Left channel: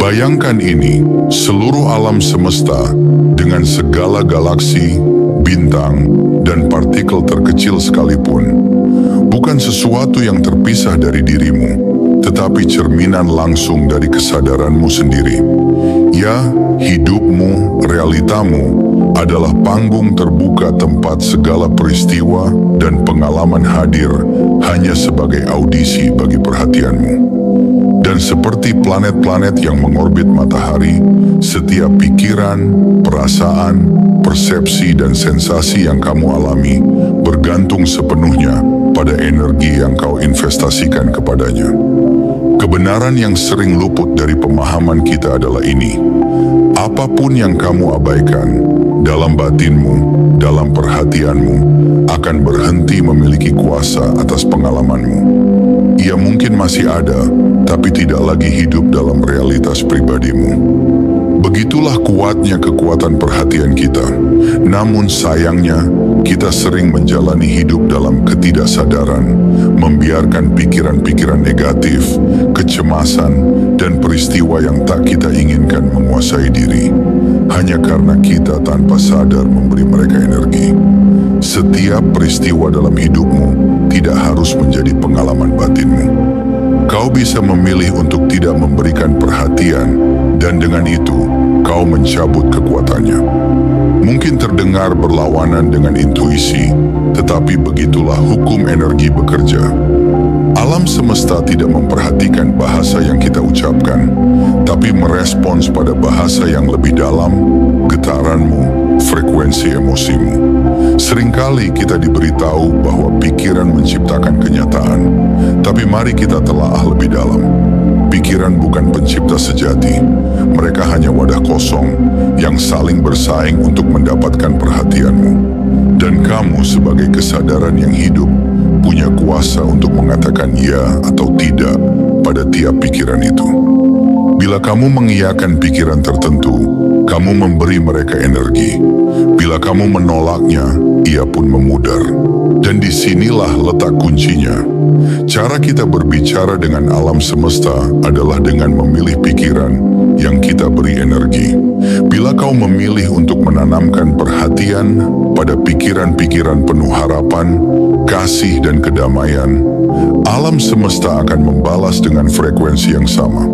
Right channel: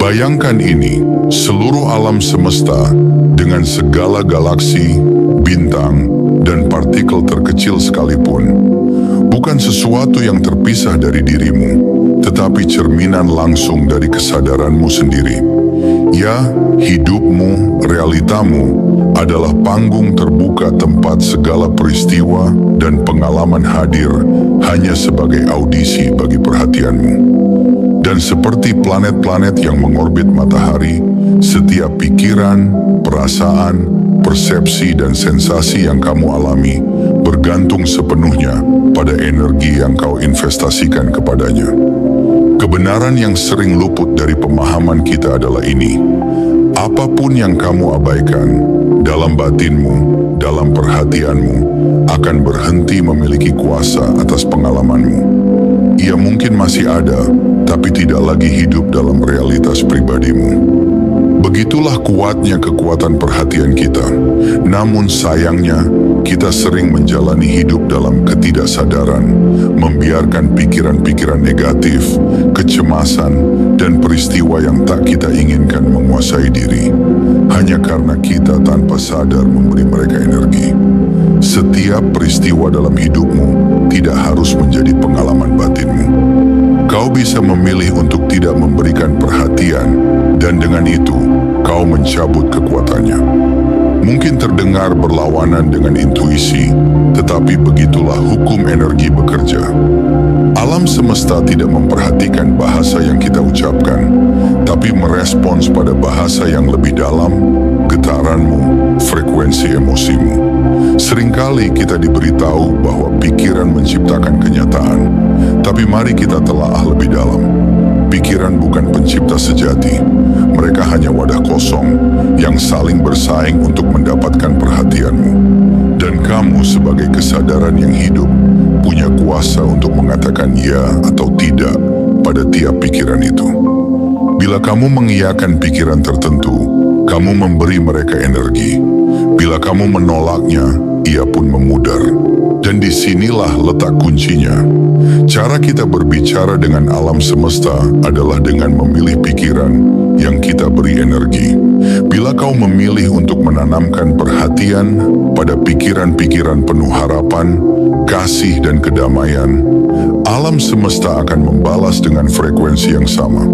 Bayangkan ini, seluruh alam semesta dengan segala galaksi, bintang, dan partikel terkecil sekalipun, bukan sesuatu yang terpisah dari dirimu, tetapi cerminan langsung dari kesadaranmu sendiri. Ya, hidupmu, realitamu, adalah panggung terbuka tempat segala peristiwa dan pengalaman hadir hanya sebagai audisi bagi perhatianmu. Dan seperti planet-planet yang mengorbit matahari, setiap pikiran, perasaan, persepsi, dan sensasi yang kamu alami bergantung sepenuhnya pada energi yang kau investasikan kepadanya. Kebenaran yang sering luput dari pemahaman kita adalah ini: apapun yang kamu abaikan, dalam batinmu, dalam perhatianmu, akan berhenti memiliki kuasa atas pengalamanmu. Ia mungkin masih ada, tapi tidak lagi hidup dalam realitas pribadimu. Begitulah kuatnya kekuatan perhatian kita. Namun sayangnya, kita sering menjalani hidup dalam ketidaksadaran, membiarkan pikiran-pikiran negatif, kecemasan, dan peristiwa yang tak kita inginkan menguasai diri, hanya karena kita tanpa sadar memberi mereka energi. Setiap peristiwa dalam hidupmu tidak harus menjadi pengalaman batinmu. Kau bisa memilih untuk tidak memberikan perhatian, dan dengan itu, kau mencabut kekuatannya. Mungkin terdengar berlawanan dengan intuisi, tetapi begitulah hukum energi bekerja. Alam semesta tidak memperhatikan bahasa yang kita ucapkan, tapi merespons pada bahasa yang lebih dalam, getaranmu, frekuensi emosimu. Seringkali kita diberitahu bahwa pikiran menciptakan kenyataan, tapi mari kita telaah lebih dalam. Pikiran bukan pencipta sejati, mereka hanya wadah kosong yang saling bersaing untuk mendapatkan perhatianmu. Dan kamu sebagai kesadaran yang hidup, punya kuasa untuk mengatakan ya atau tidak pada tiap pikiran itu. Bila kamu mengiyakan pikiran tertentu, kamu memberi mereka energi. Bila kamu menolaknya, ia pun memudar. Dan disinilah letak kuncinya. Cara kita berbicara dengan alam semesta adalah dengan memilih pikiran yang kita beri energi. Bila kau memilih untuk menanamkan perhatian pada pikiran-pikiran penuh harapan, kasih, dan kedamaian, alam semesta akan membalas dengan frekuensi yang sama.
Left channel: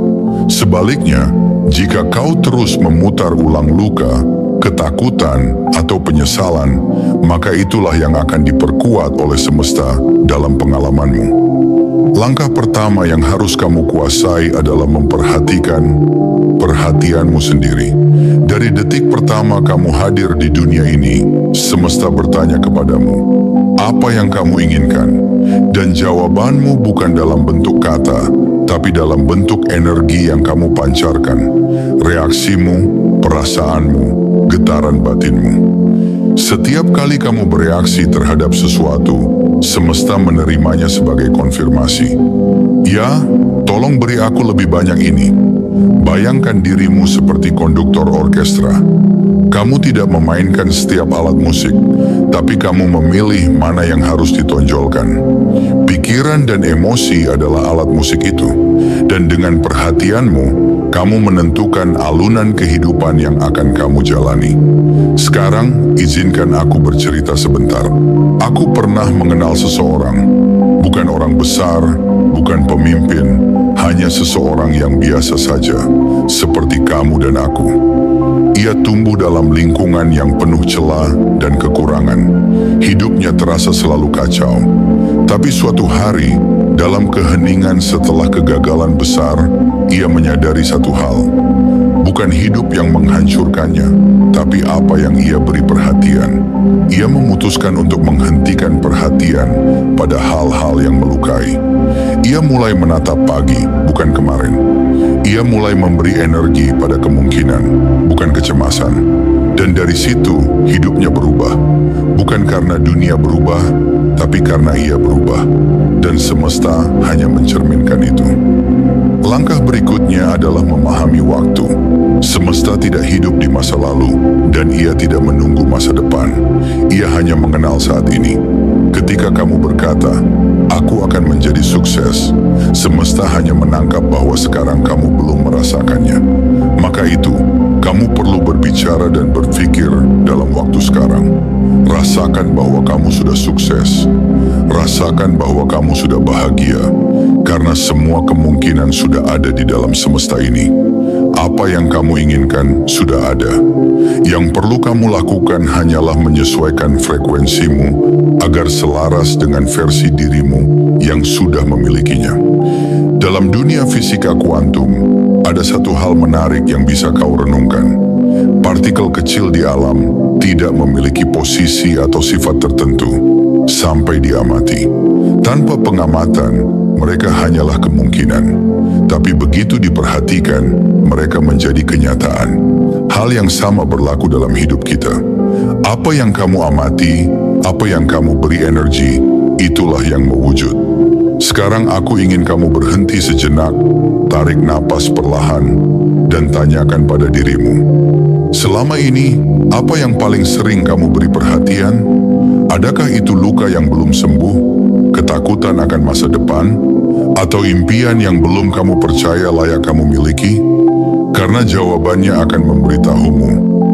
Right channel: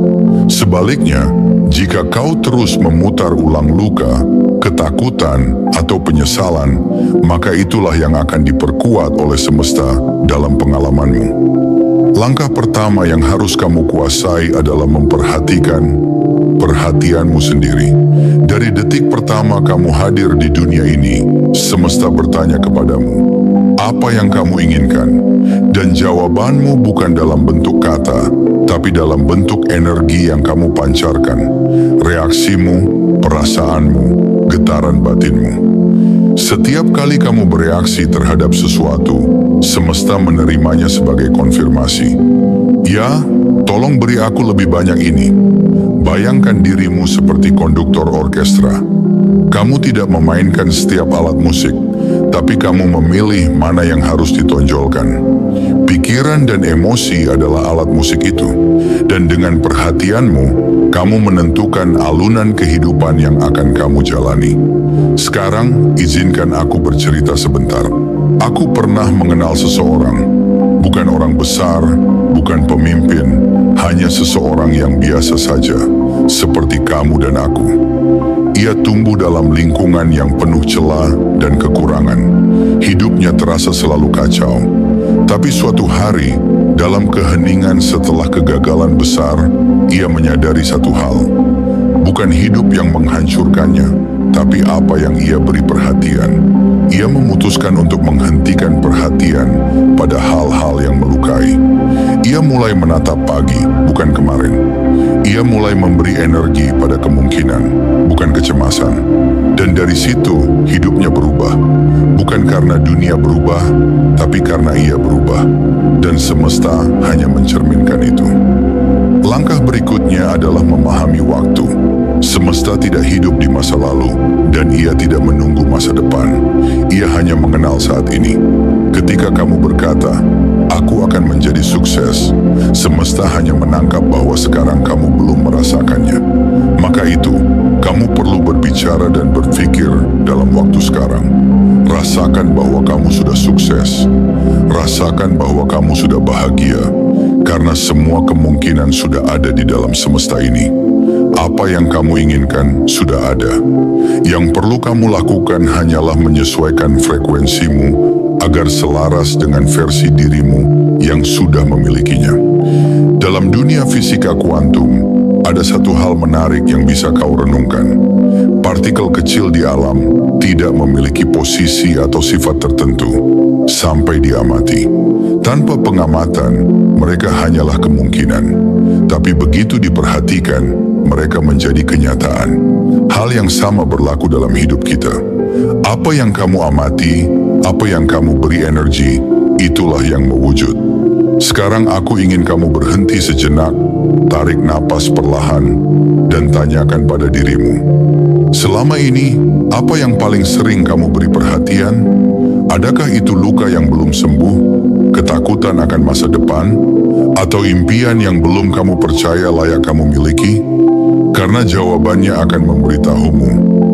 Sebaliknya, jika kau terus memutar ulang luka, ketakutan, atau penyesalan, maka itulah yang akan diperkuat oleh semesta dalam pengalamanmu. Langkah pertama yang harus kamu kuasai adalah memperhatikan perhatianmu sendiri. Dari detik pertama kamu hadir di dunia ini, semesta bertanya kepadamu, apa yang kamu inginkan? Dan jawabanmu bukan dalam bentuk kata, tapi dalam bentuk energi yang kamu pancarkan, reaksimu, perasaanmu, getaran batinmu. Setiap kali kamu bereaksi terhadap sesuatu, semesta menerimanya sebagai konfirmasi. Ya, tolong beri aku lebih banyak ini. Bayangkan dirimu seperti konduktor orkestra. Kamu tidak memainkan setiap alat musik, tapi kamu memilih mana yang harus ditonjolkan. Pikiran dan emosi adalah alat musik itu, dan dengan perhatianmu, kamu menentukan alunan kehidupan yang akan kamu jalani. Sekarang, izinkan aku bercerita sebentar. Aku pernah mengenal seseorang, bukan orang besar, bukan pemimpin, hanya seseorang yang biasa saja, seperti kamu dan aku. Ia tumbuh dalam lingkungan yang penuh celah dan kekurangan. Hidupnya terasa selalu kacau. Tapi suatu hari, dalam keheningan setelah kegagalan besar, ia menyadari satu hal. Bukan hidup yang menghancurkannya, tapi apa yang ia beri perhatian. Ia memutuskan untuk menghentikan perhatian pada hal-hal yang melukai. Ia mulai menatap pagi, bukan kemarin. Ia mulai memberi energi pada kemungkinan, bukan kecemasan. Dan dari situ, hidupnya berubah. Bukan karena dunia berubah, tapi karena ia berubah. Dan semesta hanya mencerminkan itu. Langkah berikutnya adalah memahami waktu. Semesta tidak hidup di masa lalu, dan ia tidak menunggu masa depan. Ia hanya mengenal saat ini. Ketika kamu berkata, "Aku akan menjadi sukses," semesta hanya menangkap bahwa sekarang kamu belum merasakannya. Maka itu, kamu perlu berbicara dan berpikir dalam waktu sekarang. Rasakan bahwa kamu sudah sukses. Rasakan bahwa kamu sudah bahagia, karena semua kemungkinan sudah ada di dalam semesta ini. Apa yang kamu inginkan sudah ada. Yang perlu kamu lakukan hanyalah menyesuaikan frekuensimu agar selaras dengan versi dirimu yang sudah memilikinya. Dalam dunia fisika kuantum, ada satu hal menarik yang bisa kau renungkan. Partikel kecil di alam tidak memiliki posisi atau sifat tertentu sampai diamati. Tanpa pengamatan, mereka hanyalah kemungkinan. Tapi begitu diperhatikan, mereka menjadi kenyataan. Hal yang sama berlaku dalam hidup kita. Apa yang kamu amati, apa yang kamu beri energi, itulah yang mewujud. Sekarang aku ingin kamu berhenti sejenak, tarik napas perlahan, dan tanyakan pada dirimu. Selama ini, apa yang paling sering kamu beri perhatian? Adakah itu luka yang belum sembuh, ketakutan akan masa depan, atau impian yang belum kamu percaya layak kamu miliki? Karena jawabannya akan memberitahumu,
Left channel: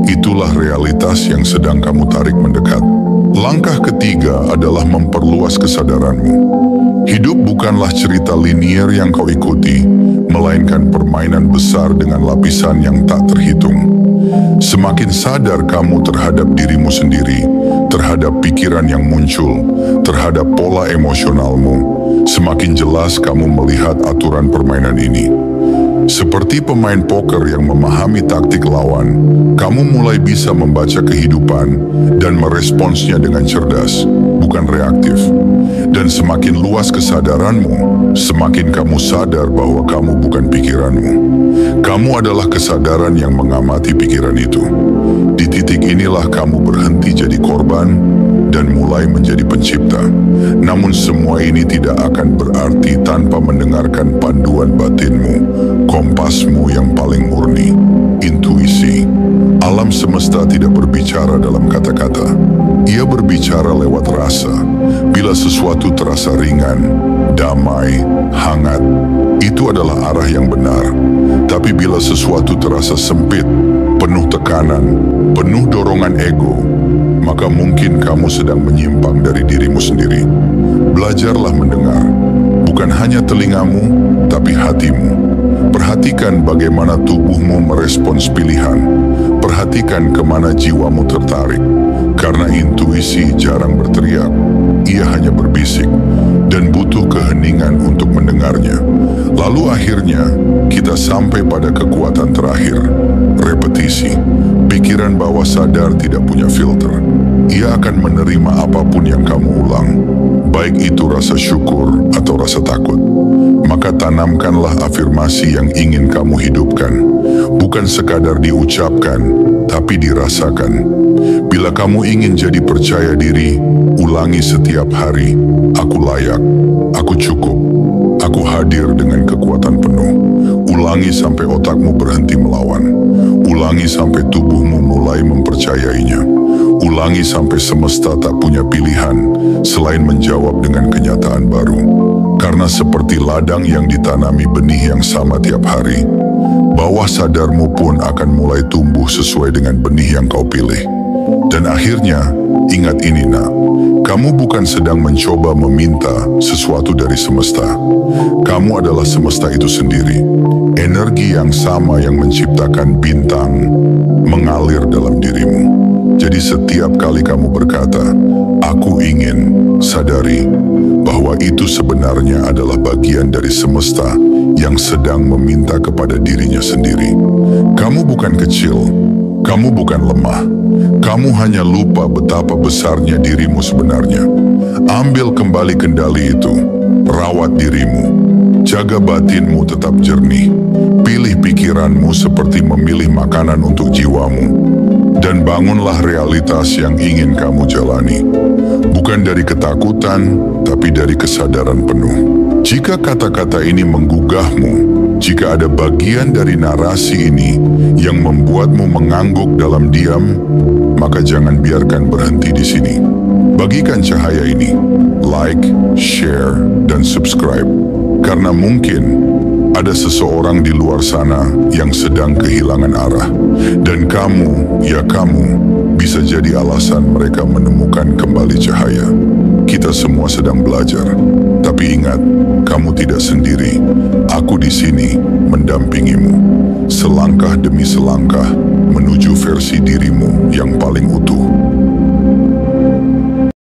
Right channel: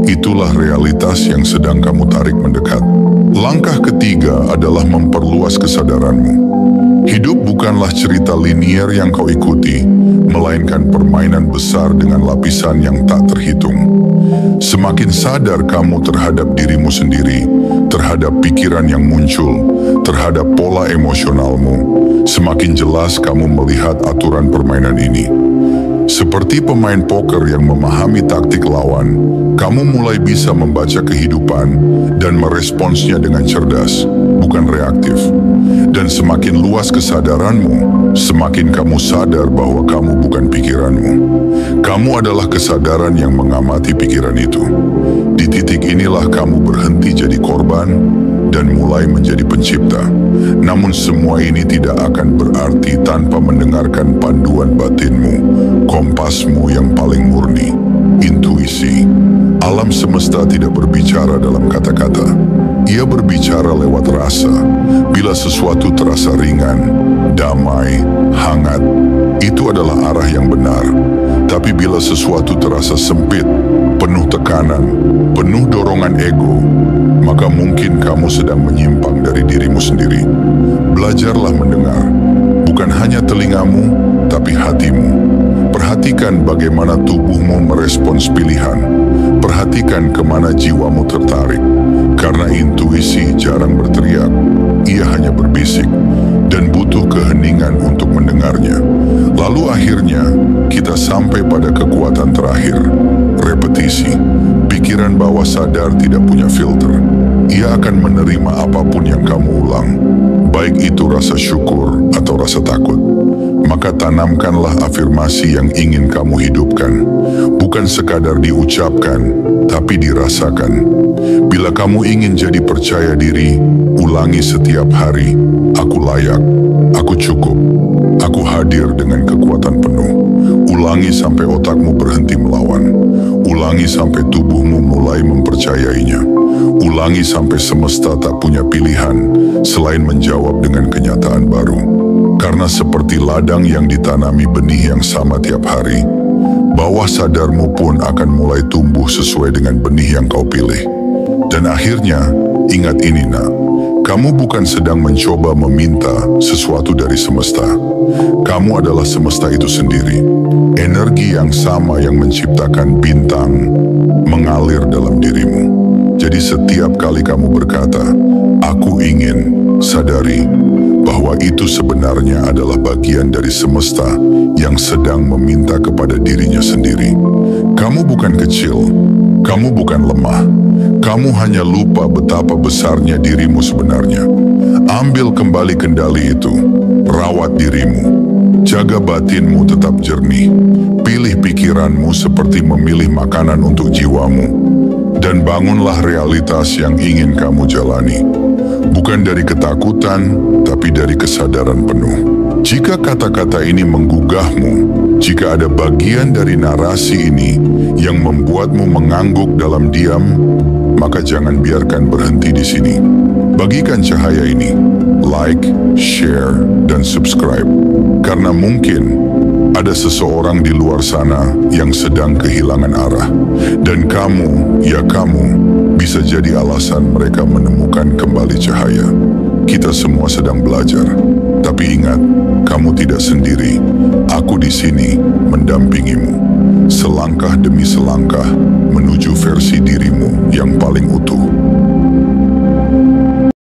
itulah realitas yang sedang kamu tarik mendekat. Langkah ketiga adalah memperluas kesadaranmu. Hidup bukanlah cerita linier yang kau ikuti, melainkan permainan besar dengan lapisan yang tak terhitung. Semakin sadar kamu terhadap dirimu sendiri, terhadap pikiran yang muncul, terhadap pola emosionalmu, semakin jelas kamu melihat aturan permainan ini. Seperti pemain poker yang memahami taktik lawan, kamu mulai bisa membaca kehidupan dan meresponsnya dengan cerdas, bukan reaktif. Dan semakin luas kesadaranmu, semakin kamu sadar bahwa kamu bukan pikiranmu. Kamu adalah kesadaran yang mengamati pikiran itu. Di titik inilah kamu berhenti jadi korban dan mulai menjadi pencipta. Namun semua ini tidak akan berarti tanpa mendengarkan panduan batinmu, kompasmu yang paling murni, intuisi. Alam semesta tidak berbicara dalam kata-kata. Ia berbicara lewat rasa. Bila sesuatu terasa ringan, damai, hangat, itu adalah arah yang benar. Tapi bila sesuatu terasa sempit, penuh tekanan, penuh dorongan ego, maka mungkin kamu sedang menyimpang dari dirimu sendiri. Belajarlah mendengar, bukan hanya telingamu, tapi hatimu. Perhatikan bagaimana tubuhmu merespons pilihan. Perhatikan kemana jiwamu tertarik. Karena intuisi jarang berteriak, ia hanya berbisik, dan butuh keheningan untuk mendengarnya. Lalu akhirnya, kita sampai pada kekuatan terakhir, repetisi. Pikiran bawah sadar tidak punya filter. Ia akan menerima apapun yang kamu ulang, baik itu rasa syukur atau rasa takut. Maka tanamkanlah afirmasi yang ingin kamu hidupkan, bukan sekadar diucapkan, tapi dirasakan. Bila kamu ingin jadi percaya diri, ulangi setiap hari, "Aku layak, aku cukup, aku hadir dengan kekuatan penuh." Ulangi sampai otakmu berhenti melawan. Ulangi sampai tubuhmu mulai mempercayainya. Ulangi sampai semesta tak punya pilihan selain menjawab dengan kenyataan baru. Karena seperti ladang yang ditanami benih yang sama tiap hari, bawah sadarmu pun akan mulai tumbuh sesuai dengan benih yang kau pilih. Dan akhirnya, ingat ini nak, kamu bukan sedang mencoba meminta sesuatu dari semesta. Kamu adalah semesta itu sendiri. Energi yang sama yang menciptakan bintang mengalir dalam dirimu. Jadi setiap kali kamu berkata, "Aku ingin," sadari bahwa itu sebenarnya adalah bagian dari semesta yang sedang meminta kepada dirinya sendiri. Kamu bukan kecil, kamu bukan lemah, kamu hanya lupa betapa besarnya dirimu sebenarnya. Ambil kembali kendali itu, rawat dirimu, jaga batinmu tetap jernih, pilih pikiranmu seperti memilih makanan untuk jiwamu, dan bangunlah realitas yang ingin kamu jalani. Bukan dari ketakutan, tapi dari kesadaran penuh. Jika kata-kata ini menggugahmu, jika ada bagian dari narasi ini yang membuatmu mengangguk dalam diam, maka jangan biarkan berhenti di sini. Bagikan cahaya ini, like, share, dan subscribe. Karena mungkin ada seseorang di luar sana yang sedang kehilangan arah. Dan kamu, ya kamu, bisa jadi alasan mereka menemukan kembali cahaya. Kita semua sedang belajar. Tapi ingat, kamu tidak sendiri. Aku di sini mendampingimu. Selangkah demi selangkah menuju versi dirimu yang paling utuh.